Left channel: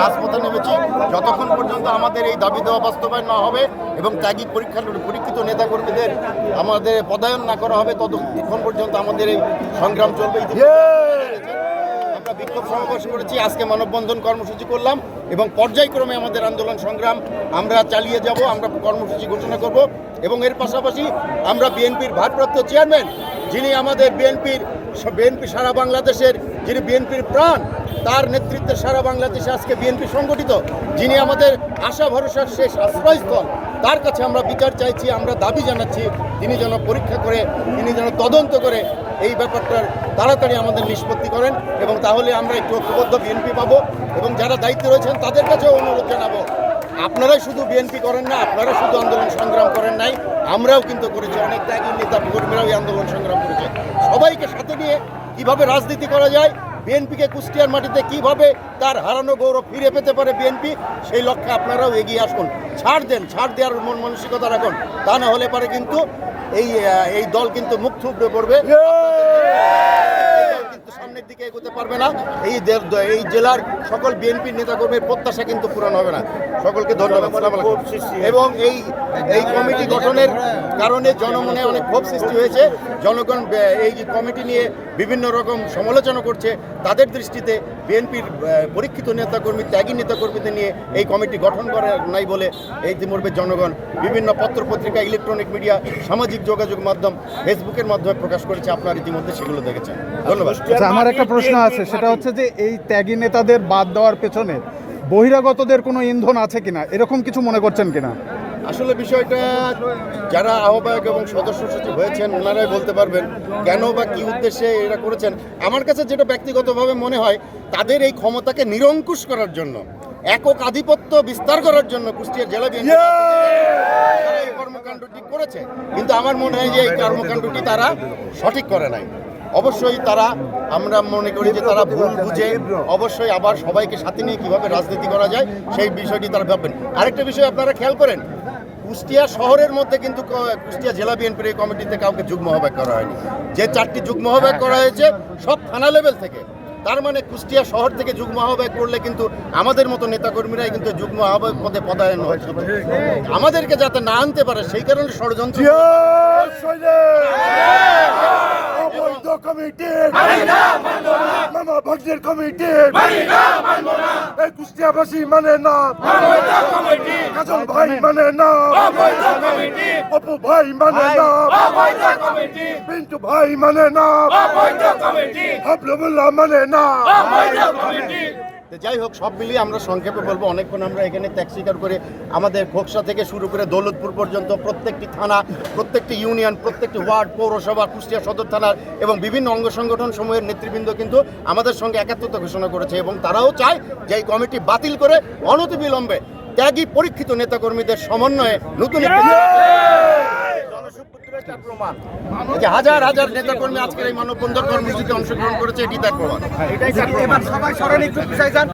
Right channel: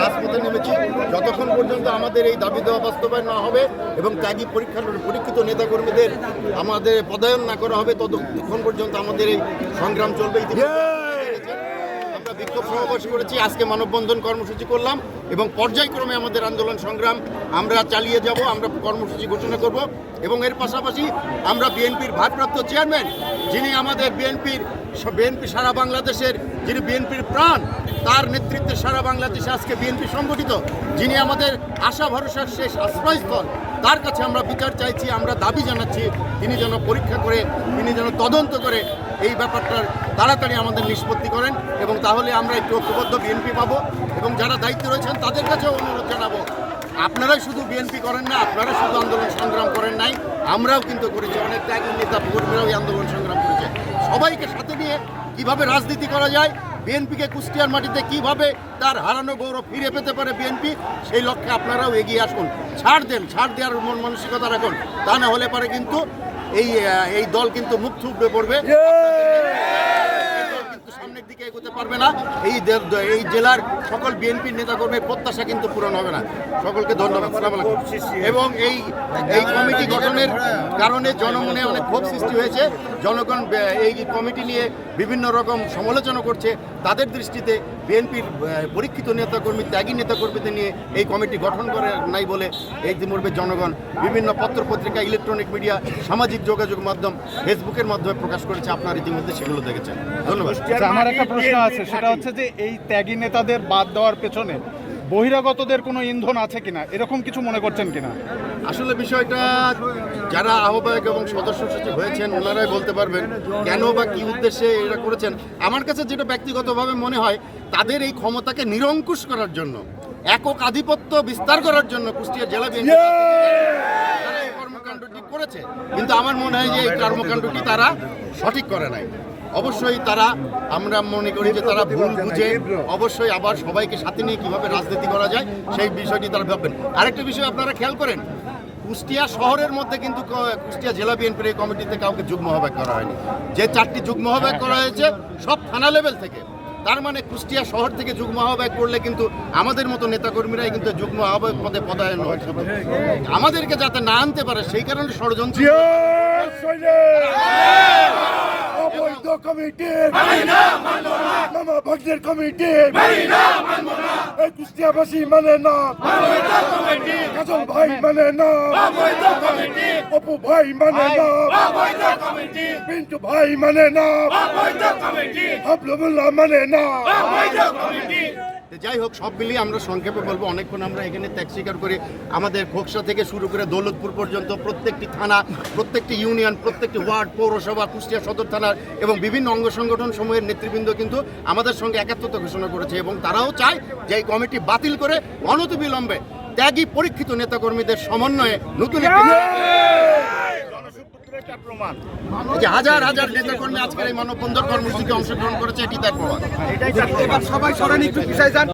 রাজপথে নেমেছি। যতক্ষণ পর্যন্ত আমাদের এই দাবি দেওয়া বাস্তবায়ন না হবে এবং ত্যাগী পরীক্ষিত নেতাকর্মীদের আমাদের পদায়ন না করা হবে, ততক্ষণ পর্যন্ত আমাদের এই সংগ্রাম চলবে। আমরা বিক্ষোভ সমাবেশ করেছি, আজকে মানববন্ধন কর্মসূচি করলাম এবং পর্যায়ক্রমে আমাদের আন্দোলন সংগ্রাম আমরা চালিয়ে যাব। আমরা কর্মসূচি ঘোষণা করব এবং এর পাশাপাশি আমরা বিএনপির ভারপ্রাপ্ত চেয়ারম্যান, যিনি আমাদের বিএনপি সারা বাংলাদেশের, যিনি বিএনপির প্রাণ, তার নেতৃত্বে সারা বাংলাদেশে আজকে বিএনপি সংগঠিত, যিনি আমাদের আশা ভরসার শেষ আশ্রয়স্থল, তার কাছে আমরা বিচার চাইছি। আমরা দাবি জানাচ্ছি তিনি যেন পরীক্ষা করে, তিনি যেন তদন্ত করে এই ব্যাপারটার তাড়াতাড়ি আমাদের নিষ্পত্তি করেন এবং তাহলে আমরা একটু ঐক্যবদ্ধ বিএনপি পাবো। এবং যারা দায়িত্বে রয়েছেন তাদের কাছেও অনুরোধ জানাবো, আপনারাই শুধু বিএনপি করেন না, আপনারা শুধু আন্দোলন সংগ্রাম করেন নাই, আমরাও কিন্তু করেছি। অনেক ত্যাগী নেতা কর্মীরাও এই আন্দোলন সংগ্রাম করেছে। সবাইকে সাথে নিয়ে কিভাবে রাজনীতি করা যায়, বিএনপিকে কুষ্টিয়ার মাটিতে কিভাবে তার হারানো গৌরব ফিরে পেতে পারে বিএনপি, সেই লক্ষ্যে আপনারাও এগিয়ে আসুন। ছাড় দেওয়ার মন মানসিকতা রাখুন, তা না হলে পারে কিন্তু এই দল কিন্তু মুখ থুবড়ে পড়বে, সামনের দিকে এগোতে পারবে না। এই জেলার সকল বিএনপির নেতাকর্মীর প্রত্যাশা কিন্তু পূরণ হবে না। সকলকে ধন্যবাদ। এবং এই কমিটি গঠনের কারণে জনমনে অনেক ক্ষোভ সৃষ্টি হয়েছে। জনগণ এই কমিটি নিয়ে বিভিন্ন রকম সমালোচনা করছে। তাদের দৃষ্টিতে বিএনপির পরীক্ষিত নেতাকর্মী, ত্যাগী নেতাকর্মীদের নিয়ে এই কমিটি গঠন করে নাই বলে এই ইতিমধ্যে জনগণ বিভিন্ন পত্রপত্রিকা, ইলেকট্রনিক মিডিয়া, সামাজিক যোগাযোগ মাধ্যম, ফেসবুকের মাধ্যমে প্রকাশ করেছে। আপনারা ইতিমধ্যে সেগুলো দেখেছেন। ধন্যবাদ। আমার একটা প্রশ্ন আছে, সেটা হচ্ছে যে এই ত্যাগী নেতাদের বাদ দেওয়ার পেছনে বহিরাগতদের কোনো ইন্ধন আছে কিনা, এরকম কিছু মনে করছেন কিনা? আসলে বিষয়টা যারা আহ্বায়ক এবং সদস্য সচিব হয়েছেন ওনারাই বলতে পারবেন কেন বা কি উদ্দেশ্যে এরা করেছেন। আমার কাছে যেটা ব্যক্তিগতভাবে মনে হয়, তাদের এই ক্ষমতাকে নিরঙ্কুশ করার জন্য, একক আধিপত্য বিস্তার করার জন্য কুষ্টিয়া জেলা বিএনপি এই কর্মকাণ্ডটি করেছে। কিন্তু আমার মনে হয় যে এই কর্মকাণ্ডটি তারা সঠিক করে নাই। অবশ্যই আমরা মনে করি যে তারা ভুল বুঝে অবশ্যই আবার সবাইকে সাথে নিয়ে কীভাবে রাজনীতি করা যায় সেই বিষয়টি তারা ভাববেন। আরেকটা বিষয় আপনারা খেয়াল করেন, কুষ্টিয়া শহরের মধ্যে কিন্তু কুষ্টিয়া জেলা বিএনপির এই কমিটিতে কাউকে যুগ্ম আহ্বায়ক করা হয়নি। যে 4টি যুগ্ম আহ্বায়ক করা হয়েছে সব থানা লেভেল থেকে। তার মানে কুষ্টিয়া শহর থেকে যুগ্ম আহ্বায়ক করলে কিন্তু আমাদের মতো নেতাকর্মীরাই কিন্তু যুগ্ম আহ্বায়ক পদে পদায়ন হয়। আমাদেরকে যাতে না আনতে পারে সেই কারণে ষড়যন্ত্র। কুষ্টিয়াবাসী মানে না, কাজল ভাই মানে না, অপু ভাই মানে না, পিন্টু ভাই মানে না, হাবলুল্লাহ মানে না। যাই হোক, সব মিলিয়ে আমরা সংক্ষেপে বলবো, অনেকক্ষণ আমরা এখানে ত্যাগ স্বীকার করে আমাদের খোকসা থেকে শুরু করে দৌলতপুর পর্যন্ত প্রত্যেকটি থানা, প্রত্যেকটি ইউনিয়ন, প্রত্যেকটি ওয়ার্ড, পৌরসভা, কুষ্টিয়া সদর থানার এবং বিভিন্ন অঙ্গ সংগঠন সমূহের নেতৃবৃন্দ কিন্তু আমাদের সঙ্গে একাত্মতা ঘোষণা করেছে এবং তারাও চায় যে এই কমিটি বাতিল করে অনতিবিলম্বে ত্যাগী পরীক্ষিত নেতাকর্মীদের সমন্বয়ে নতুন প্রমাণ যে হাজার হাজার নেতাকর্মী আজকের এই মানববন্ধন কর্মসূচিতে অংশগ্রহণ করেছে, এটি তার প্রমাণ।